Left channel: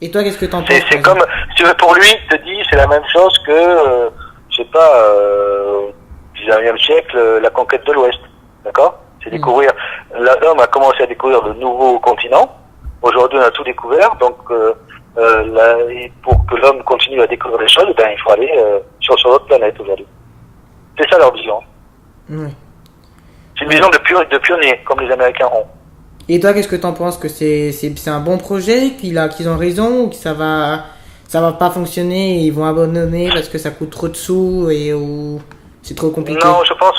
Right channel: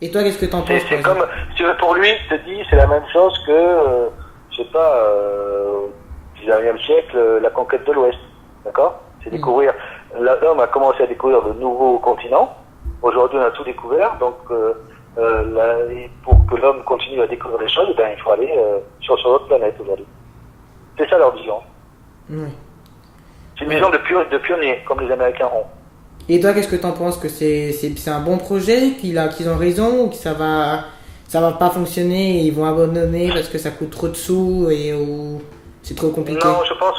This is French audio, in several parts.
Et toi, qu'est-ce que t'en penses? C'est comme, si tu veux, pour lui, il te dit, c'est la même chose que, je sais pas, 19e siècle, la conquête de l'Ouest. D'accord? C'est découvrir, l'homme a commencé à découvrir de nouveaux continents. Aujourd'hui, on a tout découvert, donc, et pour que l'homme continue à découvrir les choses, ben, il faut aller, sur notre planète aujourd'hui. C'est ça leur vision. Oui. C'est une vision de pionnier, comme les Américains ont. Et toi, qu'est-ce que t'en penses? Que c'est un bon projet, qu'ils ont raison, ou que ça va pas fonctionner et ils vont abandonner parce que ça coûte trop de sous ou c'est trop compliqué? Non, je pense,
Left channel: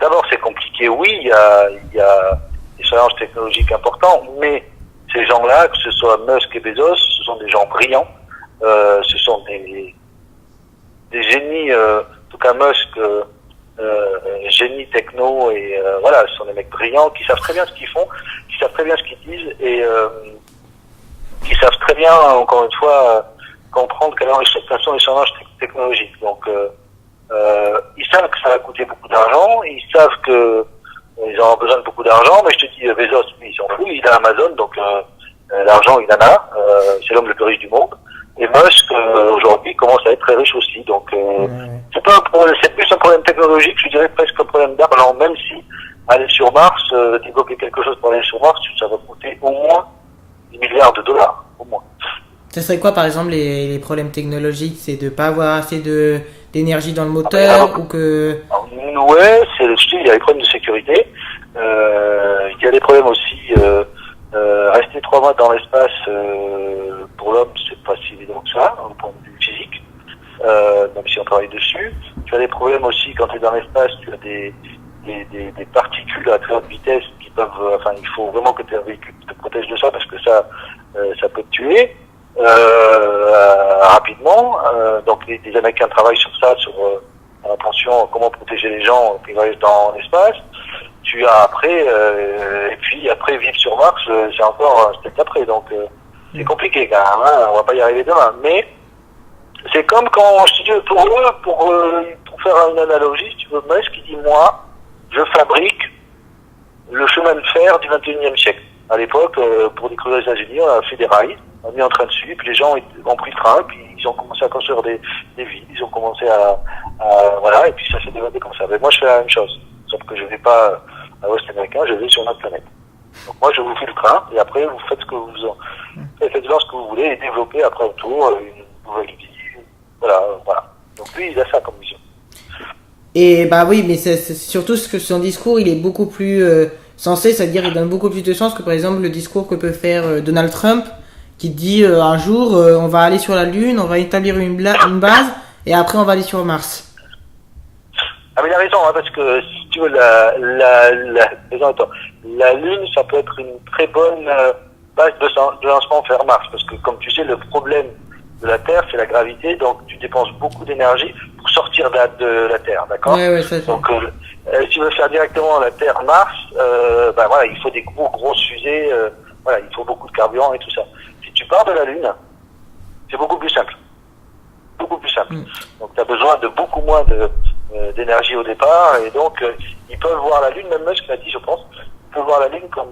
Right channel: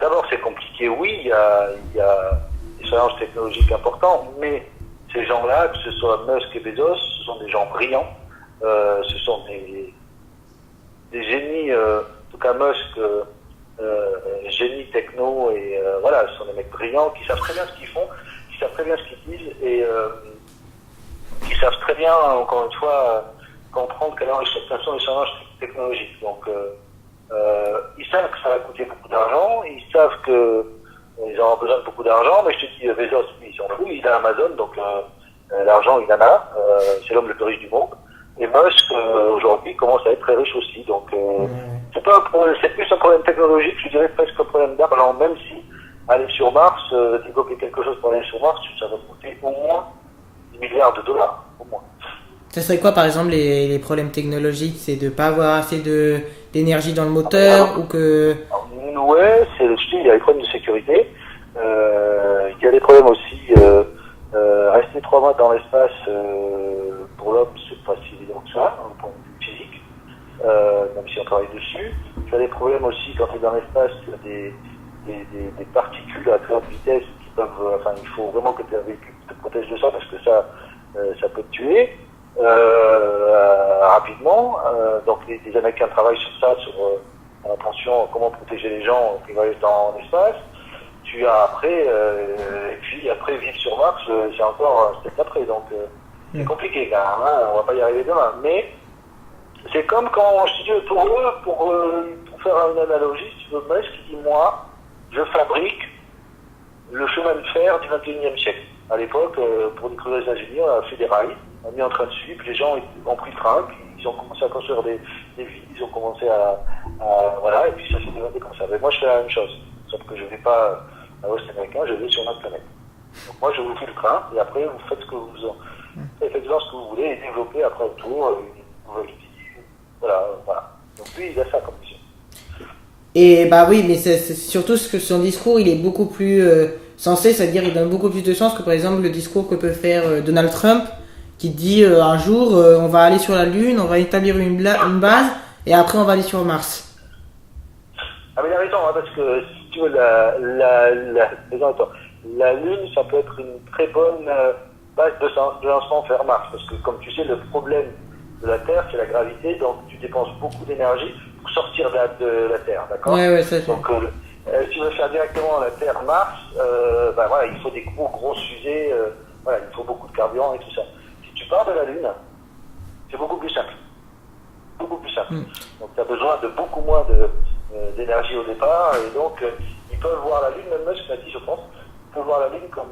d'abord c'est compliqué, oui, il y a des challenges technologiques importants, mais ces gens-là, que ce soit Musk et Bezos, ce sont des gens brillants, ce sont des génies, en tout cas Musk, génie techno, et voilà, ce sont des mecs brillants qui savent très bien ce qu'ils font, qui savent très bien ce qu'ils disent, et qui savent très bien, encore une fois, comprendre quels sont les challenges technologiques. Donc, ils savent que ça va coûter beaucoup d'argent, ils savent que ils auront besoin de beaucoup d'argent, mais je te dis, Bezos, lui, il s'en fout, il a Amazon, donc l'argent, il en a, c'est l'homme le plus riche du monde. Et Musk, aujourd'hui, commence à être très riche aussi. Donc, c'est pas un problème, c'est plus un problème technologique, je dirais presque un problème d'argent, même si aller sur Mars, développer quelque chose pour aller sur Mars, ça va coûter au moins 10 milliards de dollars, au moins. Ça serait quoi, par exemple, les problèmes technologiques? C'est de pas avoir assez d'énergie dans le moteur ou que... Ouais, il y a les problèmes de sécurité. Il y a des problèmes aussi, rester 3 mois dans l'espace, pour l'homme, c'est pas si évident que ça, au point de vue physique, même si on travaille dessus. Tu as des problèmes aussi quand tu es dans l'espace, tu as des particules à très haute vitesse qui peuvent, il faut vraiment que tu aies un véhicule qui te protège de ça parce que ça peut te tuer rapidement. Donc les Américains travaillent sur ça, sur attention, comment protéger les gens qui voyagent dans l'espace. Tu as après, et puis après vivre sur Mars, c'est encore un step après, donc c'est compliqué quand même, hein, on va pas y arriver demain. Mais c'est comme quand, si tu veux, pour faire une analogie, si tu veux, Musk qui dit, moi, je fabrique le chemin de fer du 21e siècle. À l'époque, pour découvrir les États-Unis, on a fait des rails, on a mis en train dessus, puis les gens ont pris le train, puis ils ont commencé à construire des villes, ils ont commencé voilà, et puis ça s'est développé comme ça. Mais moi, je fais la même chose, sauf que je vais pas à l'Ouest américain, je vais sur notre planète. Donc moi, je vous fais le train, et après, vous faites ce que vous faites voir ce que vous voulez, et développez après autour une nouvelle vie. Voilà. Donc lui, il a ça comme mission. Et bah oui, mais c'est surtout ce que son discours, il est beaucoup plus sensé, c'est-à-dire il donne beaucoup plus de chance que par exemple le discours que peut faire Donald Trump, qui dit un jour on va aller sur la Lune, on va établir une base, et après on va aller sur Mars. Ah mais il a raison, hein, parce que si tu veux, la Lune, ça peut être une très bonne base de lancement vers Mars, parce que comme tu sais, le problème de la Terre, c'est la gravité, donc tu dépenses beaucoup d'énergie pour sortir de la Terre, d'accord? Ouais, ça. Donc, si tu veux faire directement la Terre-Mars, voilà, il faut des grosses fusées, voilà, il faut beaucoup de carburant et tout ça. Si tu pars de la Lune, c'est beaucoup plus simple. Beaucoup plus simple. Donc, tu as besoin de beaucoup moins d'énergie au départ, et donc, ils peuvent voir la Lune, même Musk m'a dit, je pense, ils peuvent voir la Lune comme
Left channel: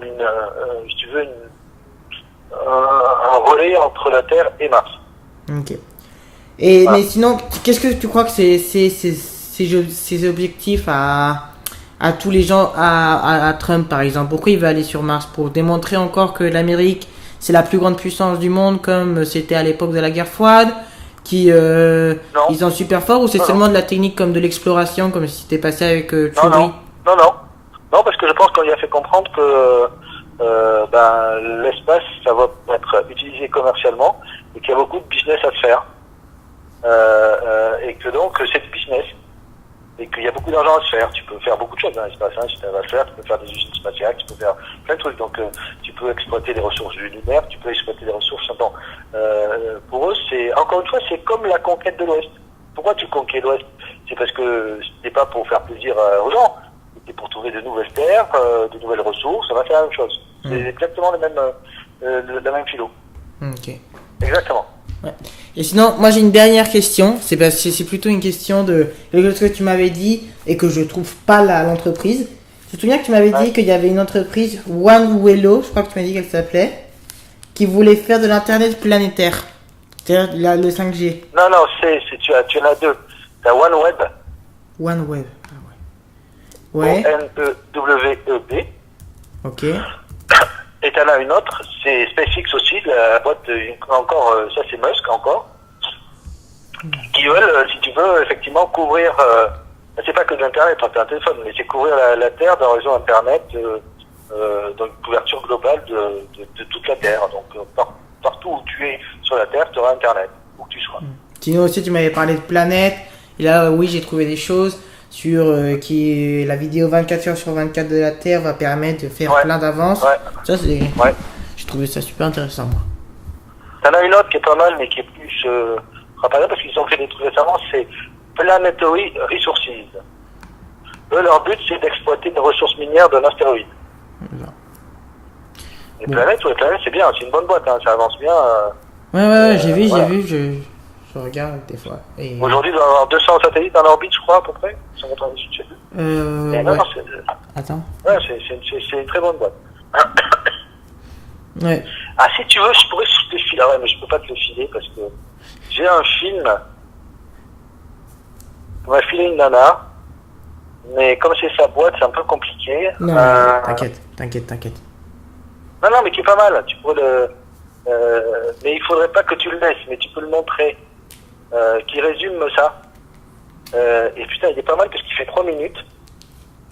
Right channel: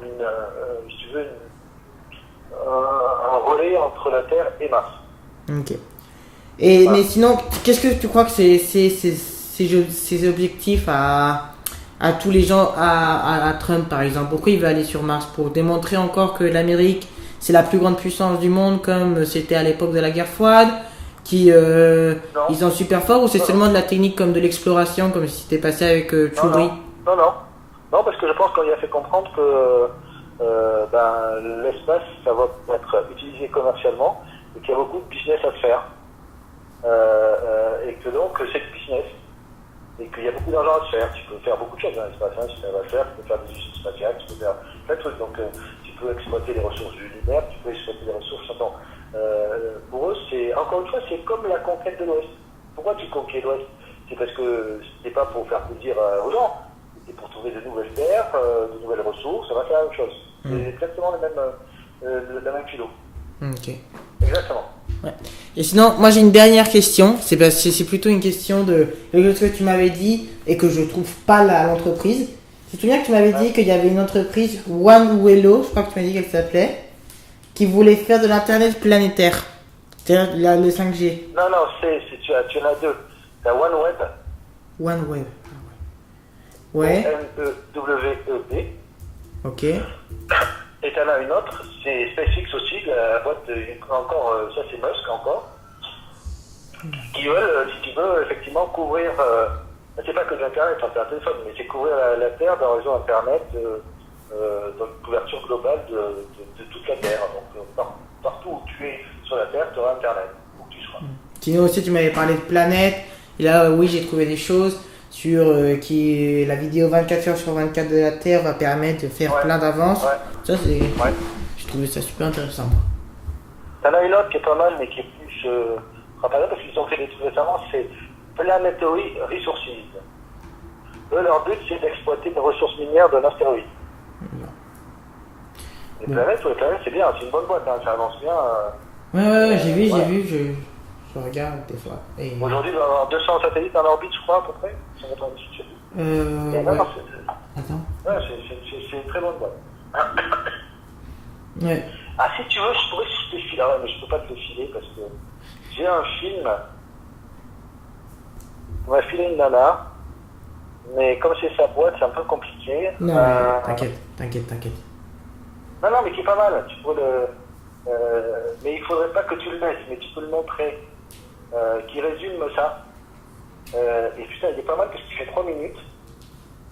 si tu veux, un relais entre la Terre et Mars. Ok. Et voilà. Mais sinon, qu'est-ce que tu crois que ces objectifs à tous les gens, à Trump par exemple, pourquoi il veut aller sur Mars? Pour démontrer encore que l'Amérique c'est la plus grande puissance du monde comme c'était à l'époque de la guerre froide, ils sont super forts, ou c'est seulement de la technique comme de l'exploration comme si c'était passé avec Curie? Non, parce que je pense qu'on lui a fait comprendre que l'espace ça va être utilisé commercialement et qu'il y a beaucoup de business à faire. Et que donc c'est du business et qu'il y a beaucoup d'argent à se faire. Tu peux faire beaucoup de choses dans l'espace, hein, si tu vas le faire, tu peux faire des usines spatiales, tu peux faire plein de trucs, donc tu peux exploiter les ressources de l'univers, tu peux exploiter les ressources. Bon, pour eux, c'est encore une fois, c'est comme la conquête de l'Ouest. Pourquoi tu conquiers l'Ouest? C'est parce que c'était pas pour faire plaisir aux gens, c'était pour trouver de nouvelles terres, de nouvelles ressources, ça va faire la même chose. C'est exactement la même philo. Ok. Exactement. Ouais. Et sinon, moi j'ai une dernière question. C'est plutôt une question de ce que tu m'avais dit et que je trouve pas l'entreprise. Tu te souviens que tu m'avais dit qu'il y avait une entreprise OneWello, je crois que tu m'as dit qu'elle s'appelait, qui voulait faire de l'internet planétaire. C'est-à-dire le 5G. Non, tu en as deux. T'as OneWeb. OneWeb. Ah ouais. Ouais. ONEWEB. Ok. Et t'en as une autre, c'est SpaceX aussi, la boîte encore, ça c'est Musk encore, qui veulent, si tu veux, effectivement couvrir, c'est pas que de l'internet, t'as un téléphone, mais c'est couvrir la Terre d'un réseau internet, dans une couverture globale de toute la Terre. Donc partout où tu es sur la Terre, tu auras internet, où que tu sois. Sinon aussi tu m'avais parlé de planète, et là oui j'ai trouvé des choses sur qui la vidéo 24 heures sur 24 de la Terre va permettre de faire plein d'avances. Ouais. Ça c'est, j'ai trouvé ça super intéressant moi. T'en as une autre qui est pas mal, mais qui est plus rappelée parce qu'ils ont fait des trucs récemment, c'est Planetary Resources. Eux, leur but c'est d'exploiter les ressources minières d'un astéroïde. Voilà. Les planètes, c'est bien, c'est une bonne boîte, hein, ça avance bien. Ouais, j'ai vu, je regarde des fois. Et... Aujourd'hui, il doit y avoir 200 satellites en orbite, je crois, à peu près. 198. ouais. Non, Attends. Ouais, c'est une très bonne boîte. Ouais. Ah, si tu veux, je pourrais te le filer. Ah ouais, mais je peux pas te le filer parce que j'ai un film. On m'a filé une nana. Mais comme c'est sa boîte, c'est un peu compliqué. Non, t'inquiète. Non, mais qui est pas mal. Tu peux le. Mais il faudrait pas que tu le laisses, mais tu peux le montrer. Qui résume ça. Et putain, il est pas mal parce qu'il fait 3 minutes.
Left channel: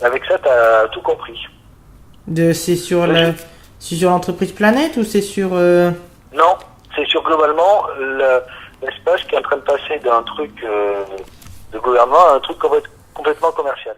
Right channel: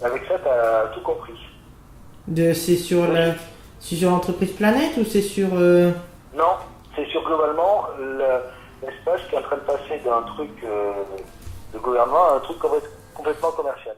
Avec ça, t'as tout compris. C'est sur l'entreprise Planète ou c'est sur Non, c'est sur globalement l'espace qui est en train de passer d'un truc de gouvernement à un truc complètement commercial.